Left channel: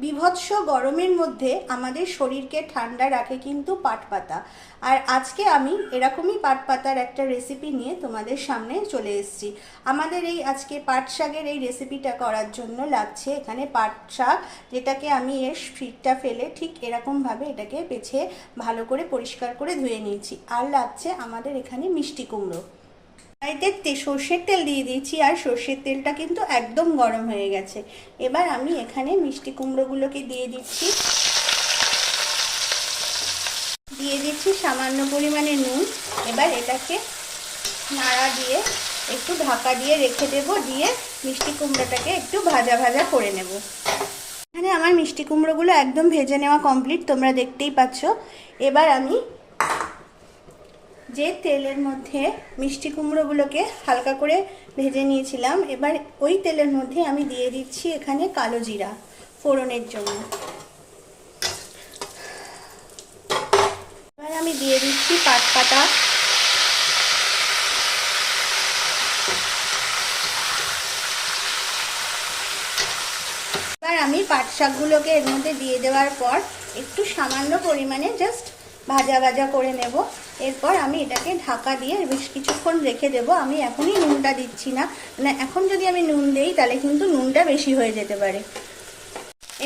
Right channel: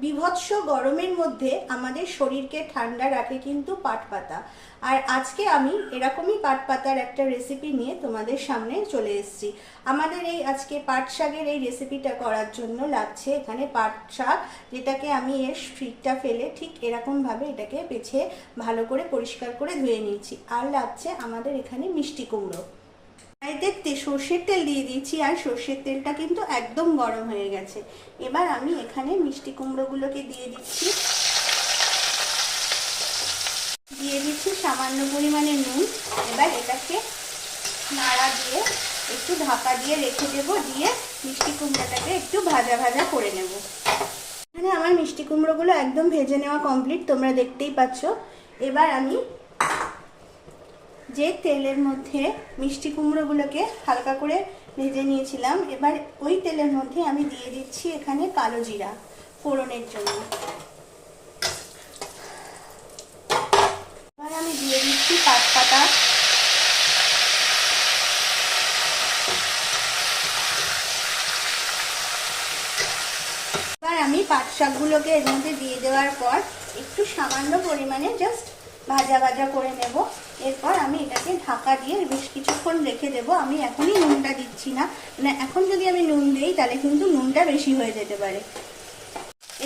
বিভৎস গরমের মধ্যে আমাদের শরীরকে ঠান্ডা রাখে কিন্তু পাট পাতা আর আজকে আমি এরকমই পাট পাতার একটা রেসিপি নিয়ে তোমাদের সামনে চলে এসেছি। আমাদের এই আজকে পাট শাকের এই রেসিপিটা করার জন্য লাগছে এখানে পাট শাক, যেটাকে আমি এর ফিটটা ফেলে ঠিক এরকমভাবে এটাকে বেছে ভালো করে পরিষ্কার করে ধুয়ে নিয়েছি। আর লাগছে আমাদের এখানে মিষ্টি কুমড়ো। কড়াইতে সর্ষের তেল দিয়ে দিয়েছি, আর সর্ষের তেলটা কিন্তু একদম গরম হয়ে গেছে। এবার আমি এখানে মিষ্টি কুমড়োগুলোকে দিয়ে দিচ্ছি। দিয়ে দিচ্ছি সামান্য পরিমাণে নুন। এবার এটাকে নাড়া দিয়ে একটু ঢাকা দিয়ে রেখে দেব, দিয়ে মিষ্টি কুমড়োটাকে একটু ভাজা ভাজা করে নেব। এখানে আমার মিষ্টি কুমড়োগুলো একদম ভেজে নেওয়া কমপ্লিট তোমরা দেখতেই পাচ্ছ। এবার আমি যে তেলের মধ্যে মিষ্টি কুমড়োগুলোকে হালকা করে ভেজে নিয়েছিলাম। এবার ওই তেলের মধ্যে আমি দিয়ে দিচ্ছি এখানে কালো জিরা ফোড়নের জন্য। এবার আমি দিয়ে দিচ্ছি পাতা এবার আমি পাট শাকগুলোকে এর মধ্যে দিয়ে দেওয়ার পর একটু সামান্য পরিমাণে জাস্ট ভাজা ভাজা করে নেব। এরপর আমি এটাকে ঢাকা দিয়ে বেশ কিছুক্ষণ রেখে দেব। আমি এখনই নুনটা দিচ্ছি না। না, এখন যদি আমি নুন দিই, তাহলে কিন্তু নুনটা বেশি হয়ে যেতে পারে।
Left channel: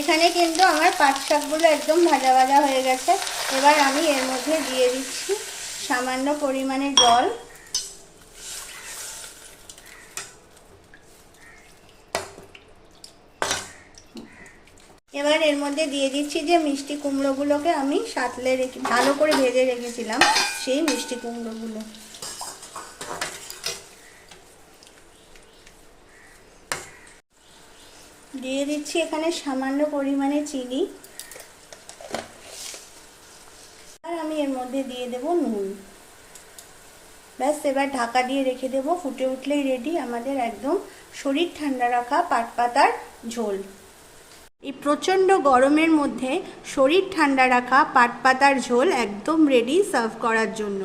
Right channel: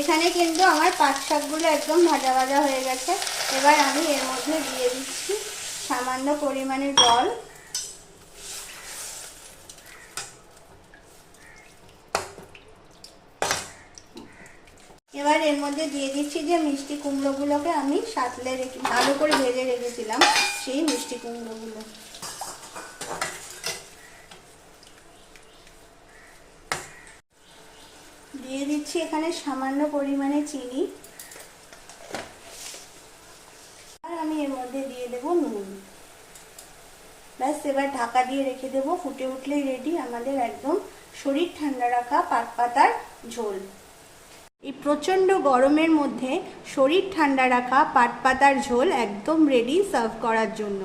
এখানে কিন্তু আমার পাট শাকগুলো একদম ভাজা ভাজা হয়ে গেছে। এবার আমি এর মধ্যে দিয়ে দিচ্ছি সামান্য পরিমাণে জল। এবার এর মধ্যে দিয়ে দিচ্ছি যে মিষ্টি কুমড়োগুলোকে আমি সাতলে রেখে, ভালো করে ভেজে রেখেছিলাম সেই মিষ্টি কুমড়োগুলো। দিয়ে দিচ্ছি এখানে সামান্য পরিমাণে চিনি। আর আমি এর মধ্যে দিয়ে দেব নুন। ব্যাস, এবার ঢাকা দিয়ে রেখে দেবো। ফুটে উঠলেই রেডি আমাদের একদম শরীর ঠান্ডা রাখা পাট পাতার ঝোল। প্রচণ্ড গরমের মধ্যে শরীর ঠান্ডা রাখা পাট পাতার ঝোল একদম রেডি সার্ভ করার জন্য।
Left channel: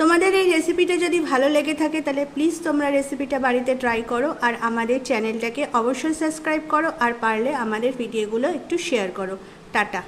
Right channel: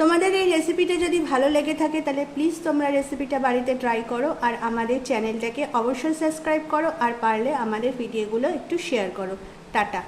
তোমাদের এই রেসিপিটা যদি ভালো লেগে থাকে, তাহলে প্লিজ তোমরা রেসিপিটা বাড়িতে ট্রাই করো আর আমাদের চ্যানেলটাকে অবশ্যই সাবস্ক্রাইব করো আর পারলে আমাদের ভিডিওগুলো একটু শেয়ার করো। টাটা।